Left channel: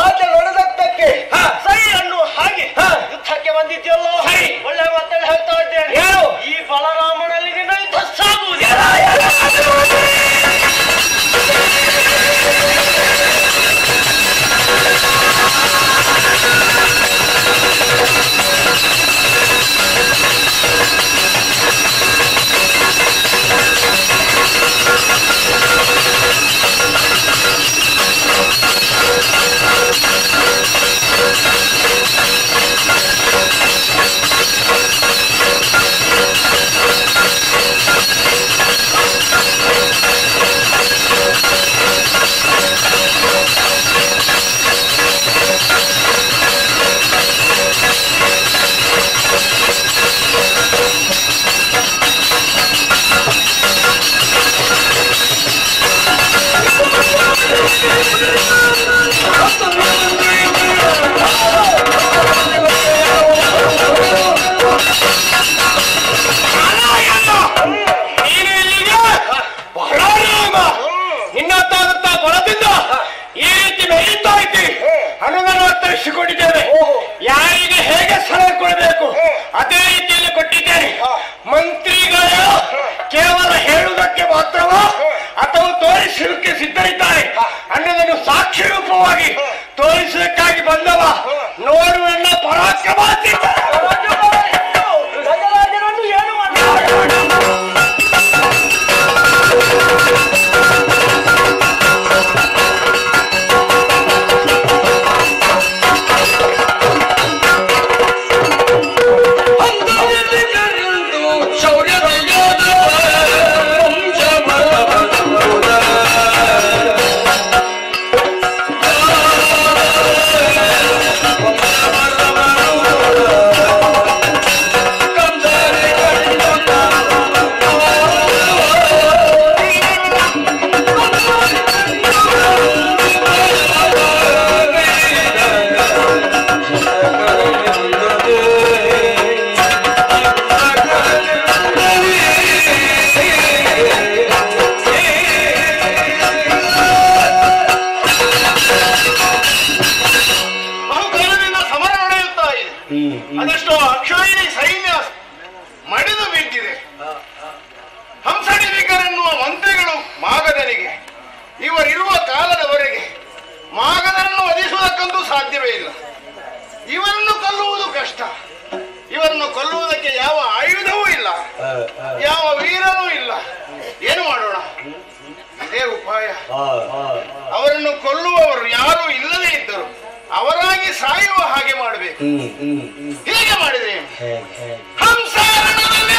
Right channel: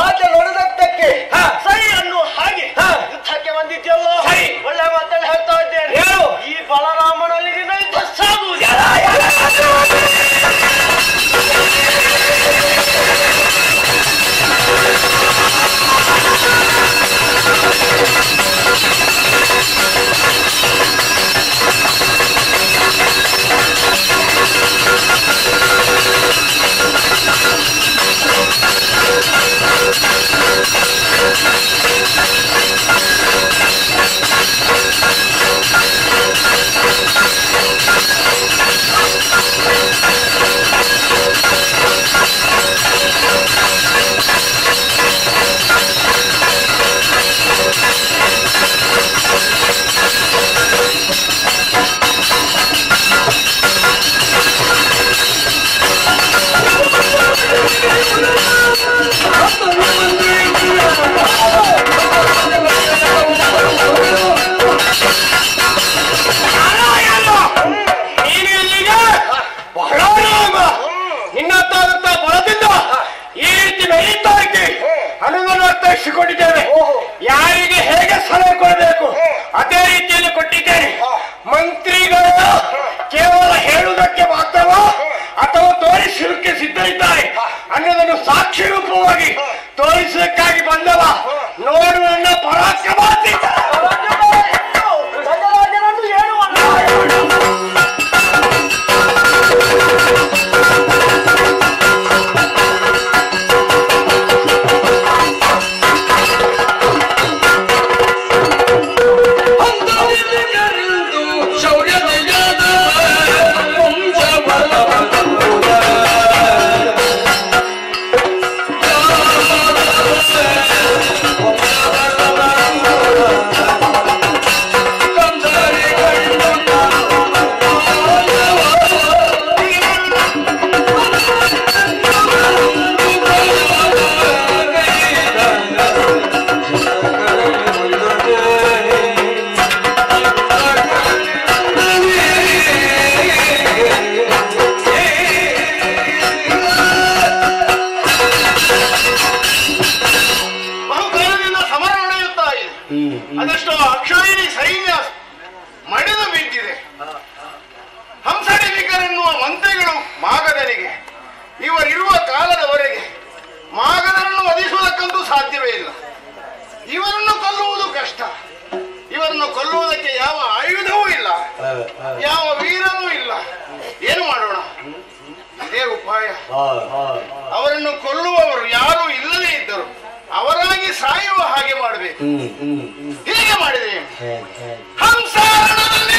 ಮಾತೆ ನುಡಿದದ್ದಕ್ಕೆ ಸೈ ಅನ್ನುವ ಹಾಗೆ ಯುದ್ಧಕ್ಕೆ ಬಂದಿದ್ಯಲ್ಲೋ ಒಳ್ಳೆ ಮಾತಲ್ಲಿ ಹೇಳ್ತಾ ಇದ್ದೇನೆ. ಈ ಬಲರಾಮನಲ್ಲಿ ನಿನ್ನ ಯುದ್ಧ ಸಾಗುವುದು. ಅನುದಾನಿಸಿಕೊಂಡಿದ್ದೇವೆ. ಯಾರಿಗೆ ಹೇಗೆ ಸಲಹೆ ಕೊಡಬೇಕು ಅದೇ ರೀತಿಯಲ್ಲಿ ಕೊಟ್ಟಿದ್ದೇನೆ. ಮಂತ್ರಿಗಳು ಕೇವಲ ಹೇಳುವುದಕ್ಕೆ ಮಾತ್ರವ ಅಥವಾ ತೋರಿಸುವುದಕ್ಕೆ ಸಿದ್ಧರಿದ್ದಾರೆ ಅನ್ನೋದನ್ನು ಸಾಕ್ಷಿ ರೂಪವಾಗಿ ತೋರಿಸುವುದಕ್ಕಾಗಿ ಬಂದವ. ನೋಡುವನ್ನ ಪರಾಕ್ರಮ ಅದಷ್ಟು ಅಕ್ಷೋಹಿಣಿ ಸೈನ್ಯ ಮಡಿದು ಬಿದ್ದಿದೆ. ಹಂಸಡಿವಿಕರೆನ್ನುವ ಮಂತ್ರಿಗಳು ಮಾಗಧನಿಗೆ ಇವರಿರುವ ಕಾಲದವರೆಗೆ ಮಾಗಧನನ್ನು ವಧಿಸುವುದಕ್ಕಂತೂ ಸಾಧ್ಯವೇ ಇಲ್ಲ. ಇವರನ್ನು ಕೊಲ್ಲುವುದು ಕಷ್ಟ. ಇವರನ್ನು ಕೊಲ್ಲುವುದಕ್ಕೆ ಯಾವ ಆಯುಧವೂ ಇಲ್ಲ, ಯಾವ ವೀರನೂ ಇಲ್ಲ. ಏನು ಮಾಡೋಣ? ಇದೇ ಉಪಾಯ. ಅವರನ್ನು ಕೊಲ್ಲುವವರು ಯಾರೂ ಇಲ್ಲದೇ ಇದ್ದರು ಅವರಾಗಿ ಸಾಯುವ ಹಾಗೆ ಮಾಡಬೇಕು. ಹೀಗೆ ಮಾಡಿದೆ ಹಂಸಾರಣದಲ್ಲಿ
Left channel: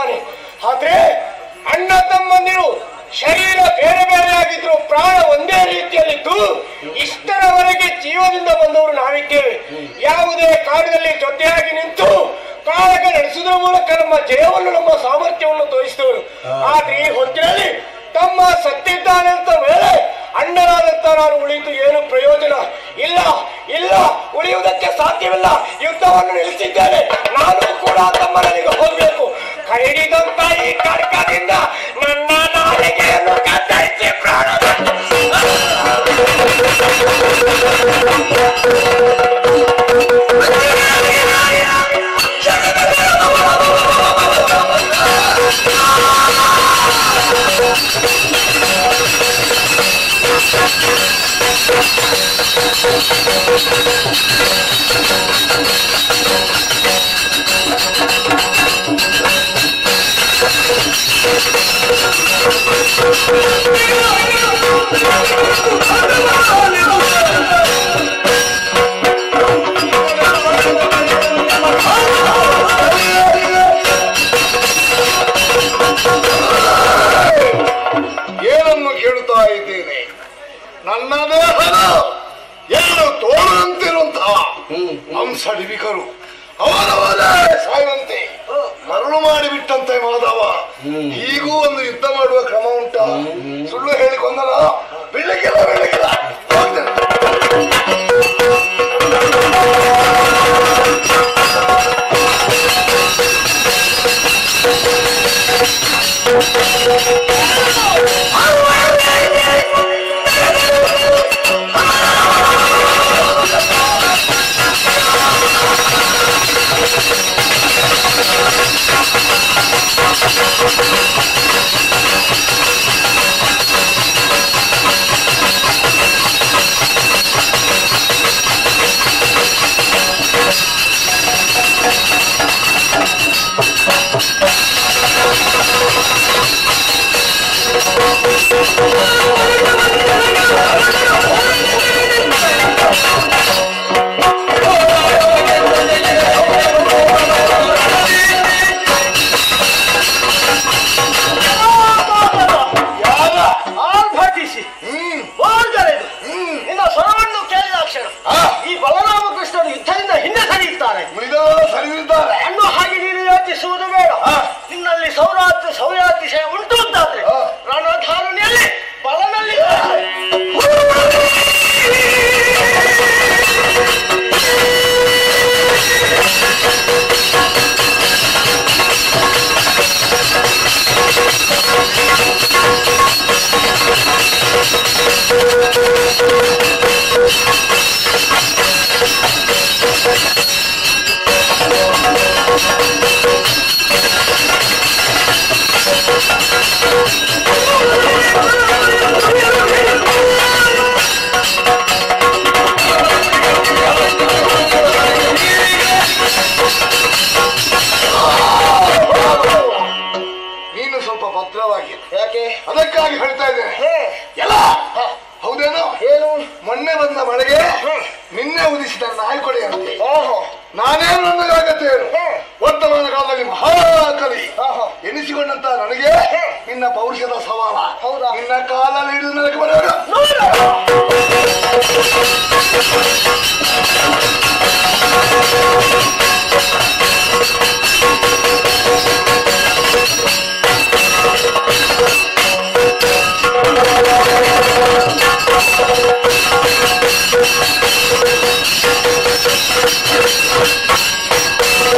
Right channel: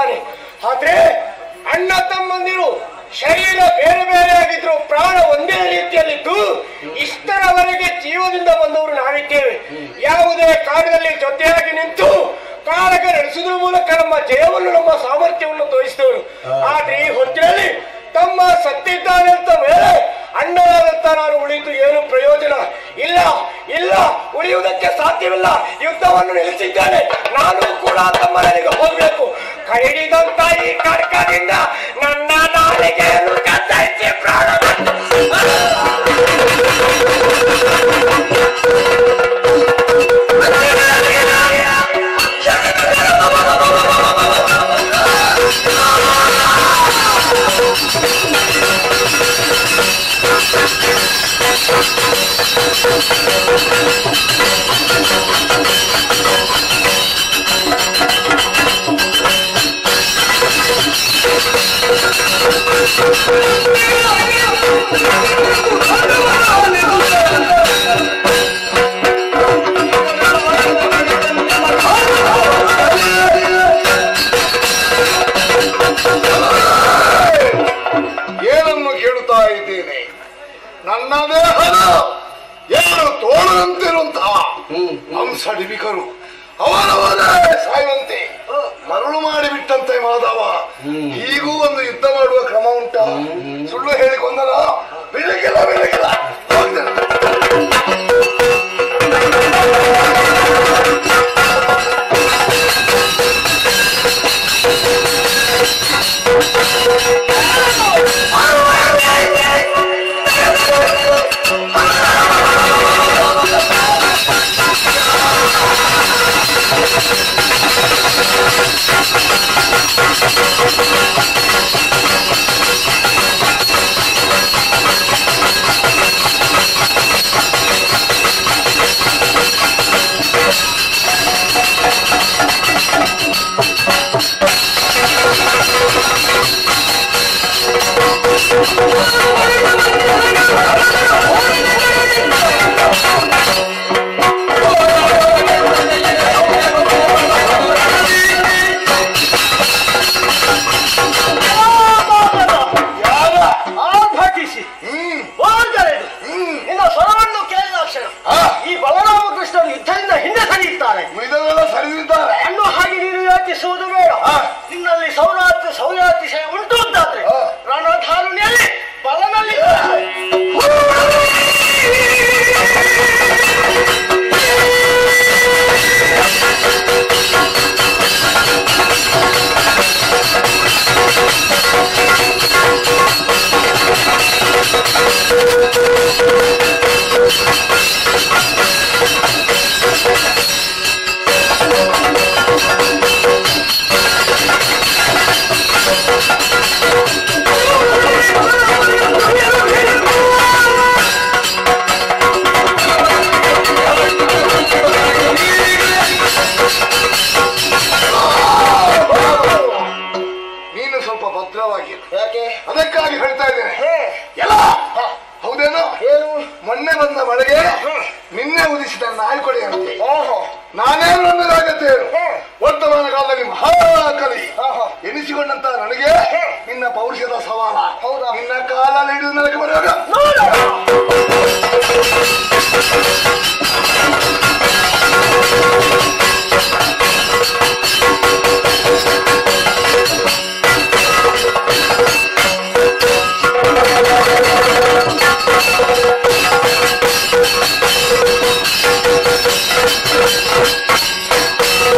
ಇದ್ದಾನೆ. ಆದ್ರೆ ಅಣ್ಣ ತಮ್ಮಂದಿರು ಶರೀರ ಬೇರೆ ಬೇರೆ ಆಗಿದ್ರು ಪ್ರಾಣ ಒಂದೇ ರೀತಿಯಲ್ಲಿದ್ದು ಇಷ್ಟರವರೆಗೆ ಜೀವದಿಂದ ಬಂದವರು ನಾವಿದ್ದೇವೆ. ಯಾವುದೇ ಕಾರ್ಯದಲ್ಲಿ ಜೊತೆಯಾಗಿ ನಿಂತು ಕಾಳಗ ನಡೆಸುವುದರ ಮೂಲಕ ನಮ್ಮ ಜಯವನ್ನು ನಮ್ಮ ಸಾಮರ್ಥ್ಯವನ್ನು ತೋರಿಸಿದವರು. ಆದ್ರೆ ಈ ಹೊತ್ತಿನಲ್ಲಿ ತಮ್ಮ ಸತ್ತಿದ್ದಾನೆಂತ ಮೇಲೆ ಅಣ್ಣನಾದಂತ ನಾನು ಉಳಿದು ಏನು ಪ್ರಯೋಜನ ಇಲ್ಲ. ಇಲ್ಲ, ಉಳಿಯುವುದಕ್ಕೆ ಸಾಧ್ಯವಿಲ್ಲ. ಯುದ್ಧವನ್ನು ನಿಲ್ಲಿಸಿದ್ದೇನೆ. ನಾನು ಕೂಡ ತಮ್ಮನಿಗೆ ಹೋಗ್ಬೇಕು. ಕೈಡಿದಂತ ಈ ಕಡ್ಕದಿಂದ ನನ್ನ ನಾಲಿಗೆಯನ್ನು ಕತ್ತರಿಸಿ ಪ್ರಾಣ ಏನನ್ನು ಕೇಳುತ್ತಾ ಇದ್ದೇನೆ? ನನ್ನ ದೇಹದ ಎಲ್ಲರೂ ತೋಳದಂತಿರುವಂತಹ ಹಂಸಡಿಬಿಕರು ಅವರವರೇ ಸಾಯುವಂತೆ ಮರಳು ಮಾಡಿಬಿಟ್ಟಂತೆ ಮಾಧವ. ಈಗೂ ಒಂದು ಯುದ್ಧ ಮಾಡುವ ಕ್ರಮ ಉಂಟ? ಸುಳ್ಳು ಹೇಳಿಕೊಂಡಲ್ಲ, ಬೆಳಗಿಲ್ಲ ಬೆಳಗಿಲ್ಲ ಅದಕ್ಕಾಗಿ ಹೇಳ್ತಾ ಇದ್ದೇನೆ. ಎಲ್ಲ ಹೌದೇನೋ? ಮೊನ್ನೆ ಬಂದ ಮಳೆಗೆ ನಿನ್ನೆ ಉದಿಸಿದ ನಾಯ್ಕೊಡಿ ಅಂತೆ. ನಾನೇನು ಅನ್ನೋದಾಗತ್ತೆ. ವರ್ತಮಾನ ಕಾಲದಲ್ಲಿ ಮಹಾಕಲಿ ಎನಿಸಿಕೊಂಡಂತ ನನಗೆ ನಿನ್ನ ಪೌರುಷದ ಸವಾಲ. ನಿನ್ನ ಕಾಲಲ್ಲಿ ಹಿಡಿದು ನನಗೆ ಬರುವಾಗ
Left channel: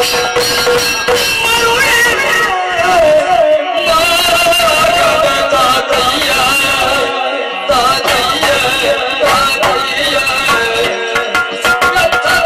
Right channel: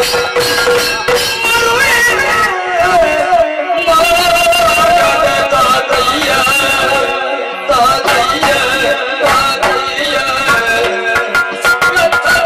Thank you.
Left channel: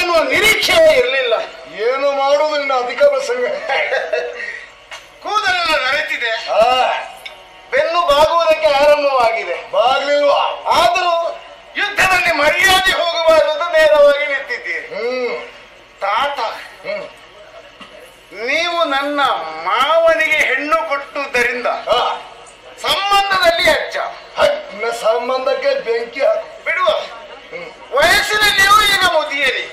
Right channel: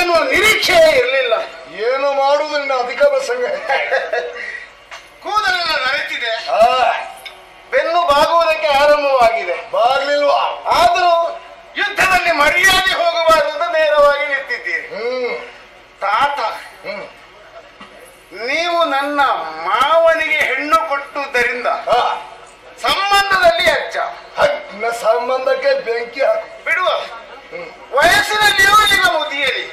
ಎನ್ನುವ ನಿರೀಕ್ಷೆಯೇ ಇರಲಿಲ್ಲ. ಏನು ಮಾಡುವುದು ನಿನ್ನ ಅಧಿಕ ಪ್ರಸಂಗ. ಕೂದಲೆಲ್ಲ ನರೆತಿದೆ, ಬೆನ್ನು ಬಾಗುವುದಕ್ಕೆ ಆರಂಭವಾಗಿದೆ. ಬಾಗ್ಲಿಲ್ವಾ? ಆದರೂ ಯುದ್ಧದಲ್ಲಿ ಮರ್ಯಾದೆ ಹೋಗಬಾರದು ಅಂತ ನೇರವಾಗಿ ನಿಂತಿದ್ದೀರಿ. ತಾತ, ನೀವು ನನ್ನ ಮಾವನಿಗೆ ಹೆಣ್ಣು ಕೊಟ್ಟುದರಿಂದ ಸಂಬಂಧದಲ್ಲಿ ಅಜ್ಜ, ಸಂಬಂಧಕ್ಕೆ ಬೆಂಕಿ ಹಾಕು ಬಿಡುವ. ವಯಸ್ಸಿನಲ್ಲಿಯೂ ಈಗ ಮುದಿಯರಿ.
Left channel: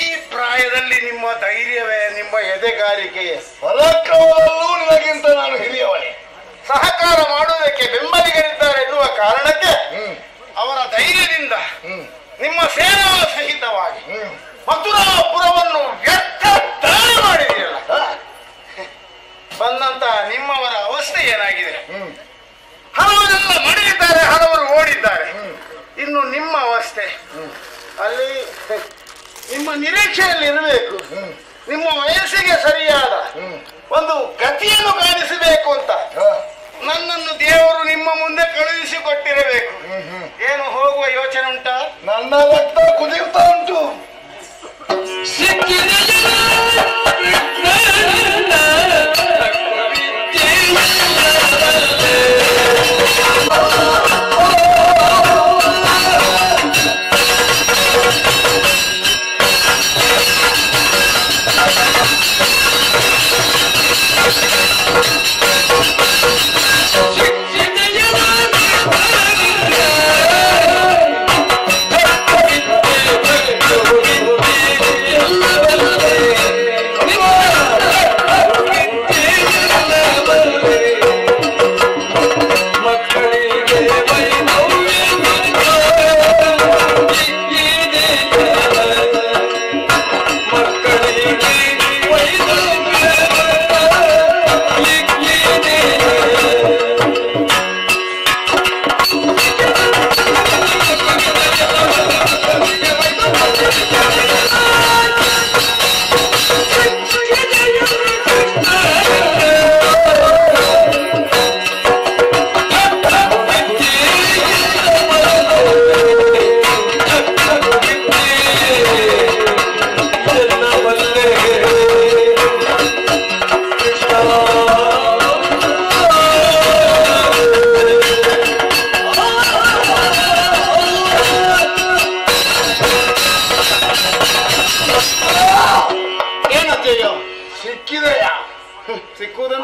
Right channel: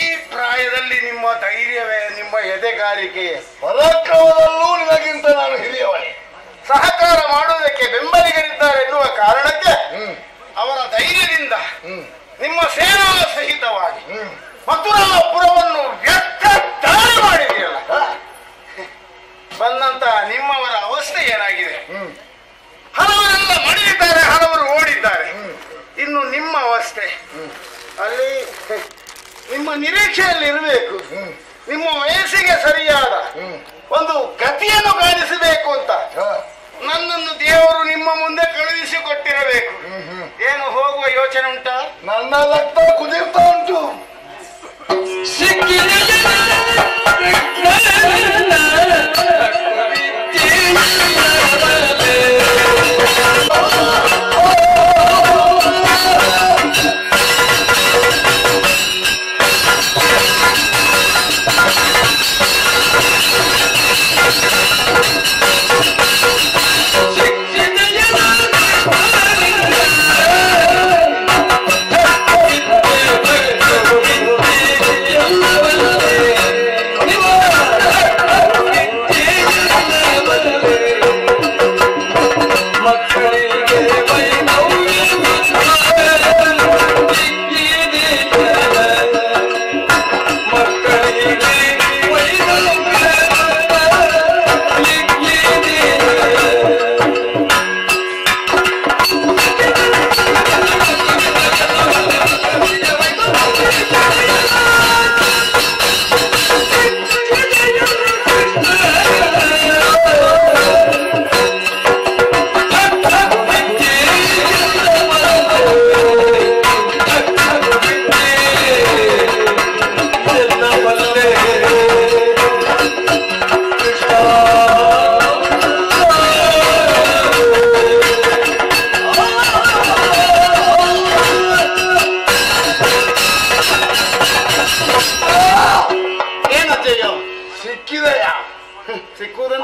ಈ ಪ್ರಾಯದಲ್ಲಿ ನಿಮ್ಮ ಧೈರ್ಯವೇ, ನಿಮ್ಮ ಎದೆಗಾರಿಕೆಯೇ, ಪರಾಕ್ರಮದಲ್ಲೂ ನಿನಗಿಂತ ನಾನು ಹಿರಿಯವನೇ. ಸಹಕಾರ ಮಾಡುವುದಕ್ಕೆ ಬೆಂಬಲಿಗರಿದ್ದಾರೆ ಎನ್ನುವ ಕಾರಣಕ್ಕೆ ಅವರ ಧೈರ್ಯದಿಂದ ನಿಮ್ಮ ಸೇನಾ ಸಹಿತವಾಗಿ ಮಥುರಾಪುರವನ್ನು ವ್ಯರ್ಥ ದಾಳಿ ಮಾಡಿದೆಯಲ್ಲ. ಬಂದಂತ ನಿಮ್ಮವರ ಅವಸ್ಥೆ ಏನಾಗಿದೆ? ಹಲವರೆಲ್ಲ ಮಡಿದಿದ್ದಾರೆ, ಹಲವರು ಓಡಿದ್ದಾರೆ. ಇನ್ನು ನಿಮ್ಮ ಅವಸ್ಥೆ ಅಲ್ಲಿ ನಿಮ್ಮ ನಿರೀಕ್ಷೆಯಲ್ಲಿ ಇರಬೇಕು. ನಿಮ್ಮ ವಯಸ್ಸಿಗೆ ಸರಿಯಾದ ಒಂದು ಗತಿಯನ್ನು ಕಾಣಿಸಬೇಕು ಅಂತ ನನ್ನನ್ನು ದೇವರು ನಿಮ್ಮ ಮುಂದೆ ಕಳುಹಿಸಿಕೊಟ್ಟಿರಬೇಕು. ಏನು ಹೋಗುವ ಯೋಚನೆ ಉಂಟಾ? ನನ್ನ ರಕ್ತ ಕುದಿಯುತ್ತಾ ಉಂಟು.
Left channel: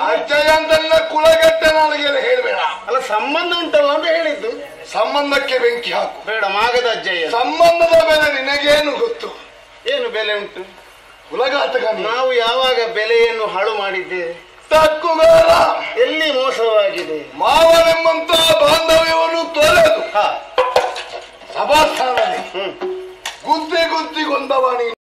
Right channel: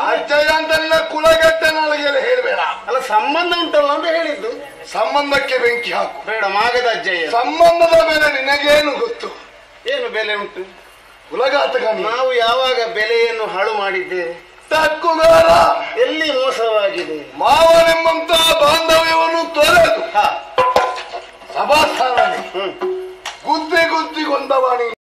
ಅಜ್ಜಯ್ಯ ಅಂತ ಕುಲಗಟ್ಟೆ ನಾಳೆಗೆಲ್ಲ ಹೇಳ್ಬೇಡ. ಅಲ್ಲ, ಸಂಬಂಧ ಉಂಟಲ್ಲ ಅಂತ ಹೇಳಿದ್ದು. ಸಂಬಂಧಕ್ಕೆ ಬೆಂಕಿ ಹಾಕು ಬೇಡ, ಮಾಗದ ಅಜ್ಜಯ್ಯ. ಸಂಬಂಧದ ಬೆಲೆ ನಿನಗೇನು ಗೊತ್ತು? ಏನು ಬೆಲೆ ಉಂಟು? ಕುಲಘಾತಕ. ನಾವು ಯಾವಾಗ ಬೆಲೆಯನ್ನು ಹಾಳು ಮಾಡಿದ್ದೇವೆ? ತಕ್ಕುಗಾರ. ಎಲ್ಲಿ ಮೋಸವಾಗಿದೆ? ಮಾವನೆಂಬಂತ ಬಾಂಧವ್ಯವನ್ನು ತೊರೆದು ಸಭಾಸ್ಥಾನ ಗುದ್ದಿ ಗುದ್ದಿ ಗೊಂದವಾಣಿ